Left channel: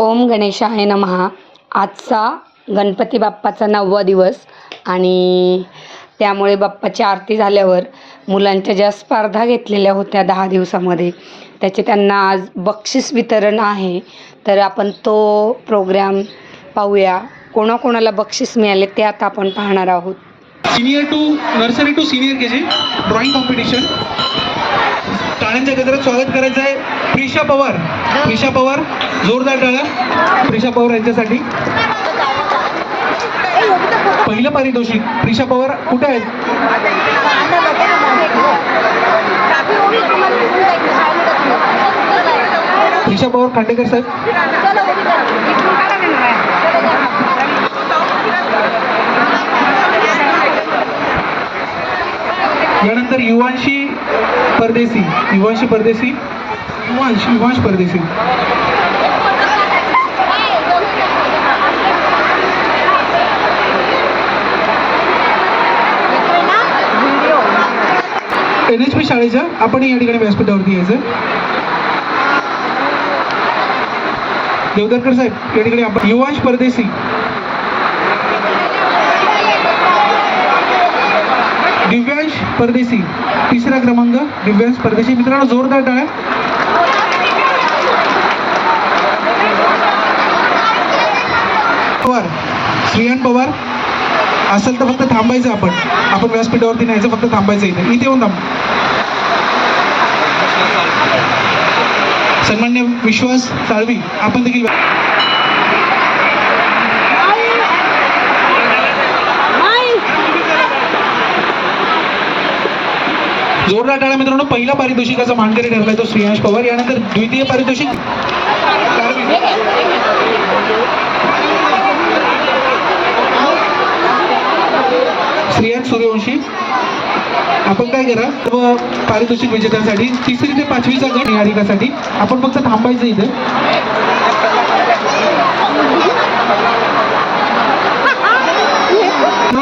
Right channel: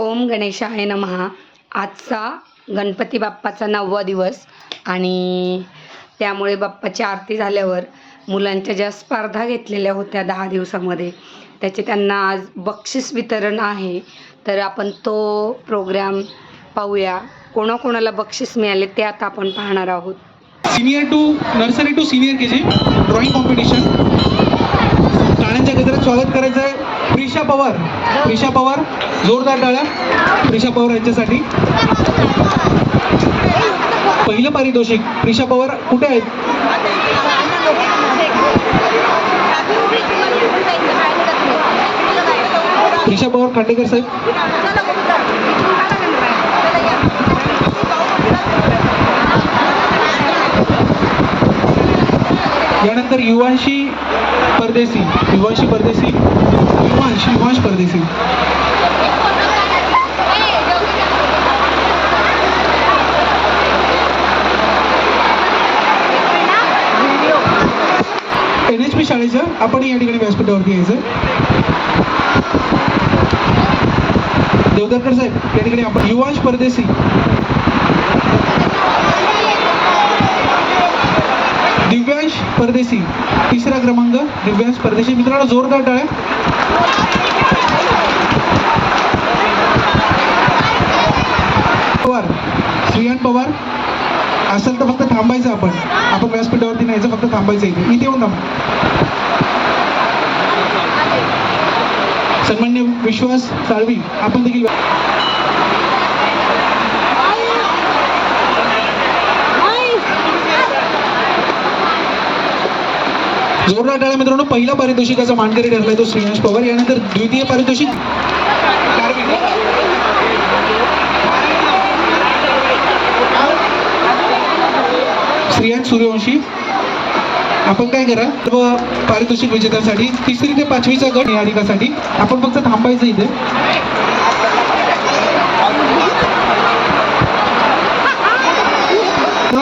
ओम गणेशाय नमहा आजचा गणपती बाप्पाचा नववा दिवस आणि त्यामुळे बाप्पाची आरती झाल्यावर मुलांच्या ज्या स्पर्धा घेतलेल्या होत्या दहा दिवसामध्ये त्याचे त्यांना आज बक्षीस वितरण आहे. तर आपण तो प्रोग्राम पाहूया. कोणाकोणाला बक्षीस मिळाले ते आता आपण पाहणार आहोत. Senior to nursery to senior K G drawing competition टाळ्यांच्या गजरात स्वागत करायचं आहे प्रिशा पवार. प्रिशा पवार जोरदार टाळ्या प्रिशा पवार यांच्यासाठी. पहिलं पारितोषिक. प्रिशा पवार कुठे आहेत? प्रिशा पवार खांडेकर साहेब. यानंतर Yuvanshi Pardeshi. Yuvanshi Pardeshi. Yuvansh Yuvansh Pardesi N H P शाळेचं आपण या ठिकाणी व्यासपीठावरती यायचं. देवदरकर साहेब या ठिकाणी आपण युवांश परदेशी. दिव्यांश परदेशी. तिसरा क्रमांक दिव्यांश परदेशी. मित्रांनो जोरदार टाळ्या. श्रियान पवार असेल तर फक्त थांबायचं आपण. आपण व्यासपीठावरती न्यायचं फक्त थांबायचं इथे. इथे येऊन थांब. सन्मान्य विश्वास साळवी आपण देखील जोरदार टाळा मित्रांनो. पहिला पारितोषिकाचा मानकरी ठरलाय तो श्रेयांश पवार. यानंतर द्वितीय पारितोषिक श्रेयांश सूर्यवंशी आपण काय करा? सर्व पारितोषिक विजेत्यांसाठी तिसरी ते पाचवीचा गट निहारिकासाठी आपण फक्त थांबायचं इथे.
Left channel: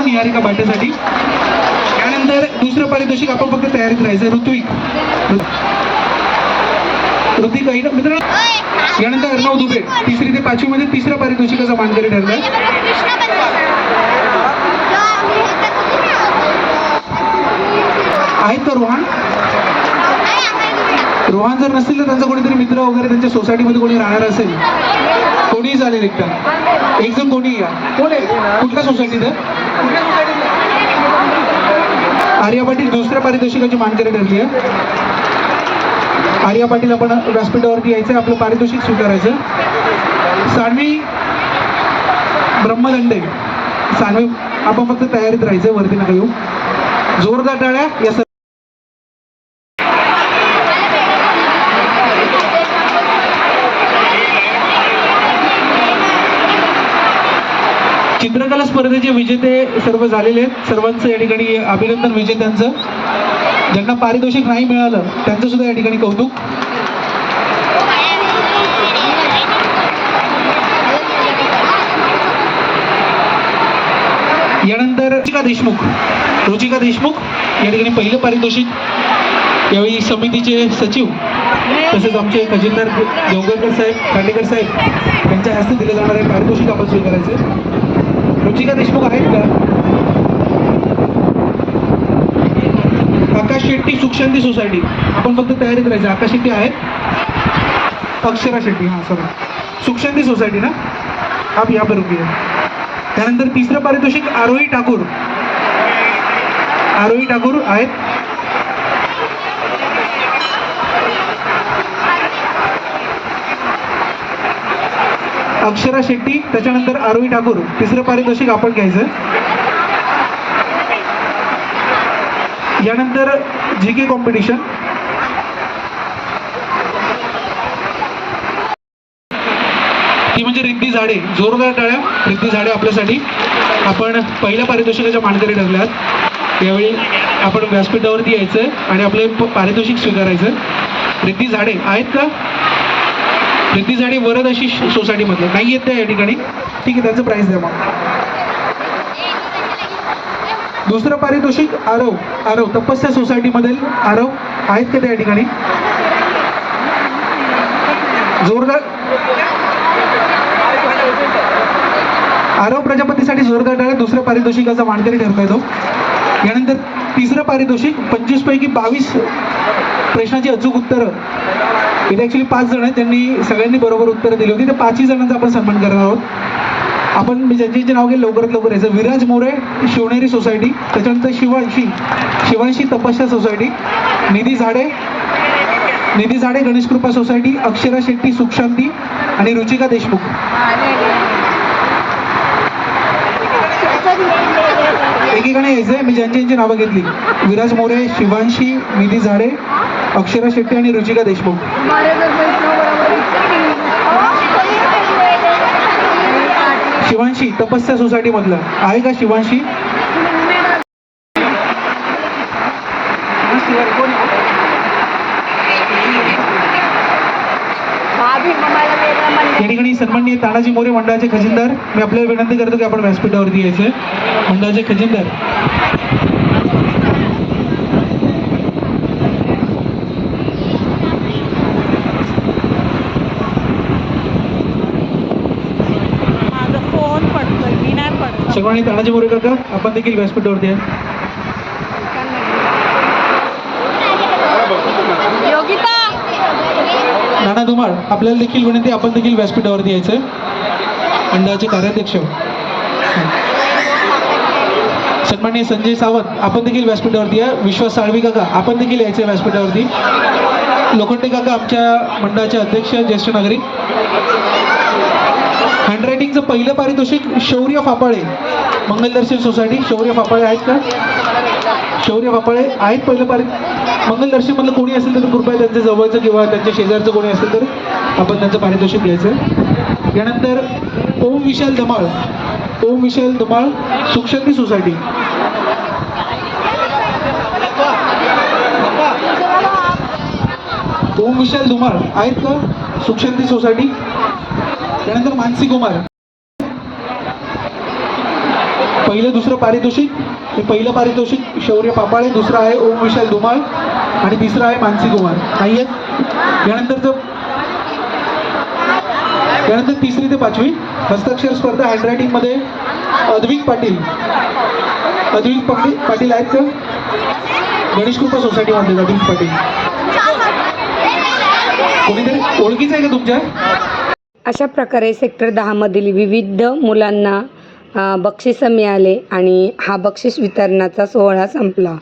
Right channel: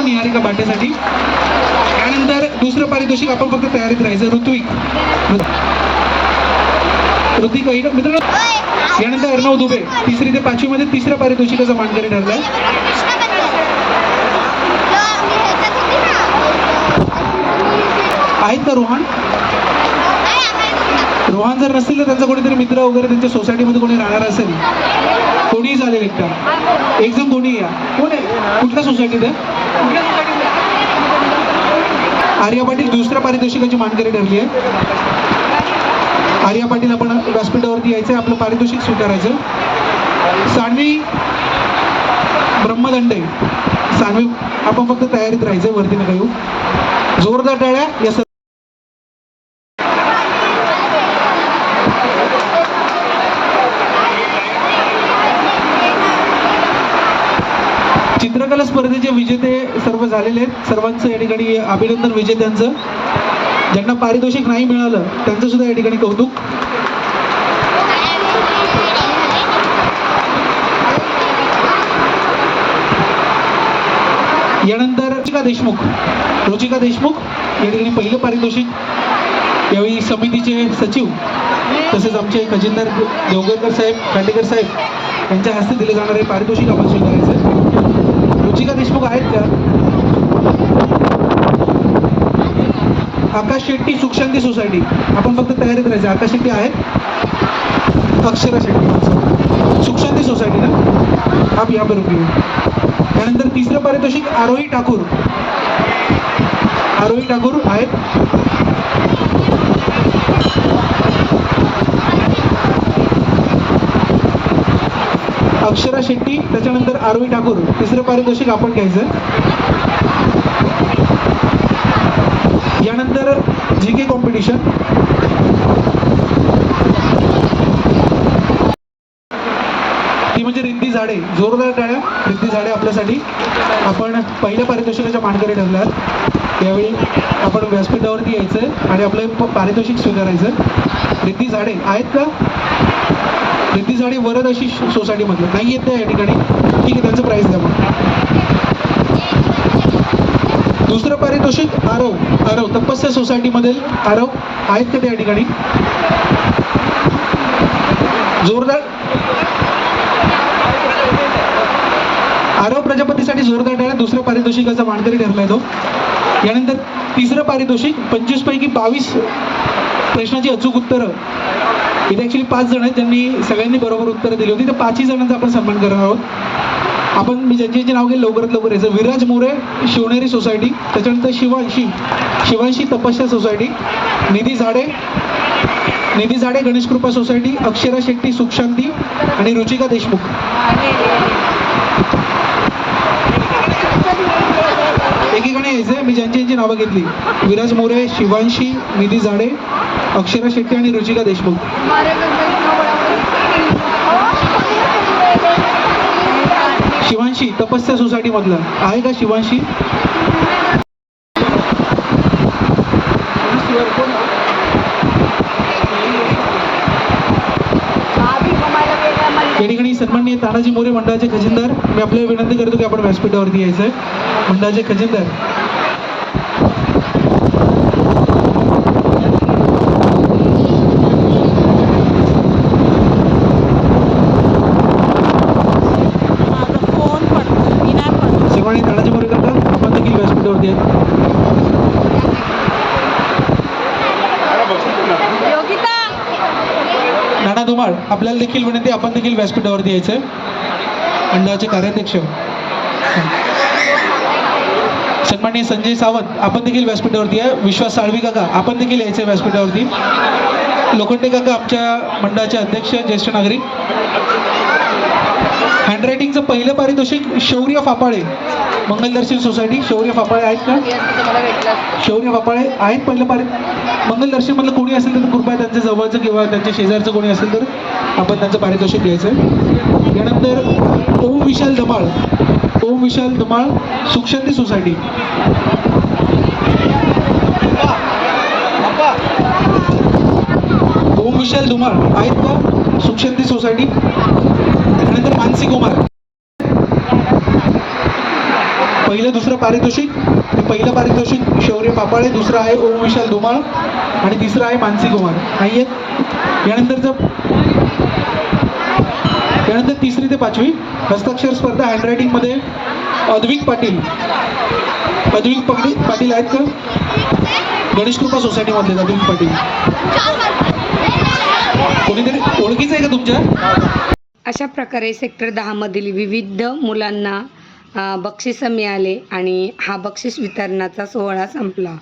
निहारिका बाटेसाठी त्यानंतर दुसरं पारितोषिक आपण फक्त तयारीत राहायचं ऋत्विक. ऋतिक आहे मित्रांनो यानंतर अर्णव दुबे तिसरी ते पाचवी मध्ये तिसऱ्या पारितोषिकाचा मानकरी ठरला आहेत का रोहन? रोहन जर नसतील तर त्यांचा कोणीतरी मित्र वगैरे त्यांच्या सोसायटीमध्ये कोणी राहणार असेल? कोणीही चालेल एकटा. एक जण कोणी या कोण आहे? कुठल्या सोसायटीत आहे आर्या पाटील दुसऱ्या पारितोषिकाची मानकरी ठरली आहे. आर्या पाटील आपण व्यासपीठावरती यायचं आपलं पारितोषिक स्वीकारायचं. सानवी ब्रह्मदंडे सानवी आपण फक्त तयारीत राहायचं वरती नका येऊ. जोरदार टाळ्या या विजेते सर्व झालेले आहेत. सर्वांचं या ठिकाणी अभिनंदन विजेत्यांचं ज्यांना पारितोषिक नाही मिळालं त्यांचं सुद्धा या ठिकाणी कौतुक. यानंतर रुचिका देशमुख. रुचिका देशमुख या ठिकाणी पहिलं पारितोषिक. यावेळी समितीचे सचिव तसेच आमचे खजिनदार देवगरकर साहेब खांडेकर साहेब यांच्या हस्ते दिलं जाणार आहे. पारितोषिक आपण स्वीकारायचं. रुचिका देशमुख आहेत का? आकाश शेट्टी सुखशांती सोसायटी. आपण फक्त तयारीत राहायचं. आकाश शेट्टी आहेत. अक्षरा शेट्टी. सुखशांती सोसायटी ना? अब या बरोबर त्यानंतर तिसरं पारितोषिक आरोही ठाकूर. आरोही ठाकूर आहेत. अक्षरा शेट्टी त्याच्यानंतर आरोही ठाकूर. तिसरं पारितोषिक आपण घ्यायचं? यानंतर जी के कॉम्पिटिशन ती म्हणजे रिद्धी झाडे. जोरदार टाळ्या. रिद्धी झाडे आपल्यासाठी. आपण पहिल्या पारितोषिकाच्या मानकरी ठरल्यात यावेळी आपण व्यासपीठावरती यायचं आणि आपले पारितोषिक स्वीकारायचं. रिद्धी झाडे आहेत का? भिंती झाडे वरद अशी सोसायटीमधलं? नाही येत त्या या ठिकाणी. ठीक आहे त्यांचं प्राईस द्या मग. दुसरं पारितोषिक आरव. आरव तपस्या सोसायटीमधील आरव आहेत का त्या ठिकाणी? जोरदार. आरव प्रजापतीसाठी जोरदार टाळे दुसऱ्या पारितोषिकाचा मानकरी ठरलाय तो. यानंतर तिसरं पारितोषिक पंचवीस पैकी बावीस प्रश्नाची अचूक उत्तरं. इथे ॲक्च्युली पाच जण आहेत त्यांनी सगळ्यांनी बरोबर उत्तरं दिली होती. तर पाचही जणांचा आपण सन्मान करणार आहोत. आपण मी ज्यांचे नाव घेईल लवकरात लवकर. यायचं विराज मोरे शिवनेरी सोसायटी त्याच्यानंतर शिवांशी शिवांशी तपस्या सोसायटी निधी झाडे निधी झाडे गणेश कृपा सोसायटी अक्षरा शेट्टी सुखशांती आणि रुचिका देशमुख. एकीकडे यायचं मी ज्यांची यांची नावं घेतली. विराज मोरे शिवांशी निधी झाडे अक्षरा शेट्टी आणि रुचिका देशमुख. शिवांशी तपस्या सोसायटी मधलं आहे का शिवांशी? या ठिकाणी सन्माननीय तानाजी मोरे मंडळाचे खजिनदार. मी आपल्याला विनंती करतो की आपण व्यासपीठावरती यायचं. मंडळाचे खजिनदार माझा फोन पडतोय मी नाही पडतो सन्माननीय काका आपण देखील व्यासपीठावरती आहे नाना धुमाळ आपल्याला देखील विनंती आपण देखील व्यासपीठावरती यायचं मंडळाचे कार्याध्यक्ष. सन्माननीय संजय सावंत आपण देखील व्यासपीठावरती या. विश्वास साळवी काका आपण देखील यायचं व्यासपीठावरती. लोखंडे काका आमच्या मंडळाचे अध्यक्ष ज्येष्ठ नागरिक. हँडरायटिंगचं पहिलं पारितोषिक शौर्य फापाळे मंगलदर्शन सोसायटी शौर्य पापळे आहेत का? शौर्य पापळे आहेत पहिलं पार. मंगलदर्शन मधलं कोणी असेल तर कृपया त्यांच्या जवळचं किंवा त्यांच्या शेजारचं कोणी असेल तर आपण त्यांचं पारितोषिक घ्यायचं. यानंतर ओम विशाल धमाळ ओम विशाल धमाळ सुखशांती सोसायटी. ओम विशाल धुमाळ आहेत का? सुखशांती सोसायटी. त्यानंतर मानसी कुमार. पहिलं दुसरं पारितोषिक हे पहिलं पारितोषिक शौर्य पापाळे दुसरं आहे ओम विशाल धुमाळ आणि तिसरं आहे मानसी कुमार. नाही आहेत? यानंतरचं यानंतर तिसरी ते पाचवी. हस्ताक्षर स्पर्धा हँडरायटिंगमध्ये अद्विक पाटील. अद्विक पाटील पाटील आहेत का? गणेश कृपा सोसायटीमधले अद्विक पाटील. कोणीतरी ओळखीचं आहे का तुमच्या? अशा प्रकारे सेक्टर दहामधील विविध मुलांना बक्षिसं मिळाले आणि हा बक्षीस वितरणाचा सोहळा संपला.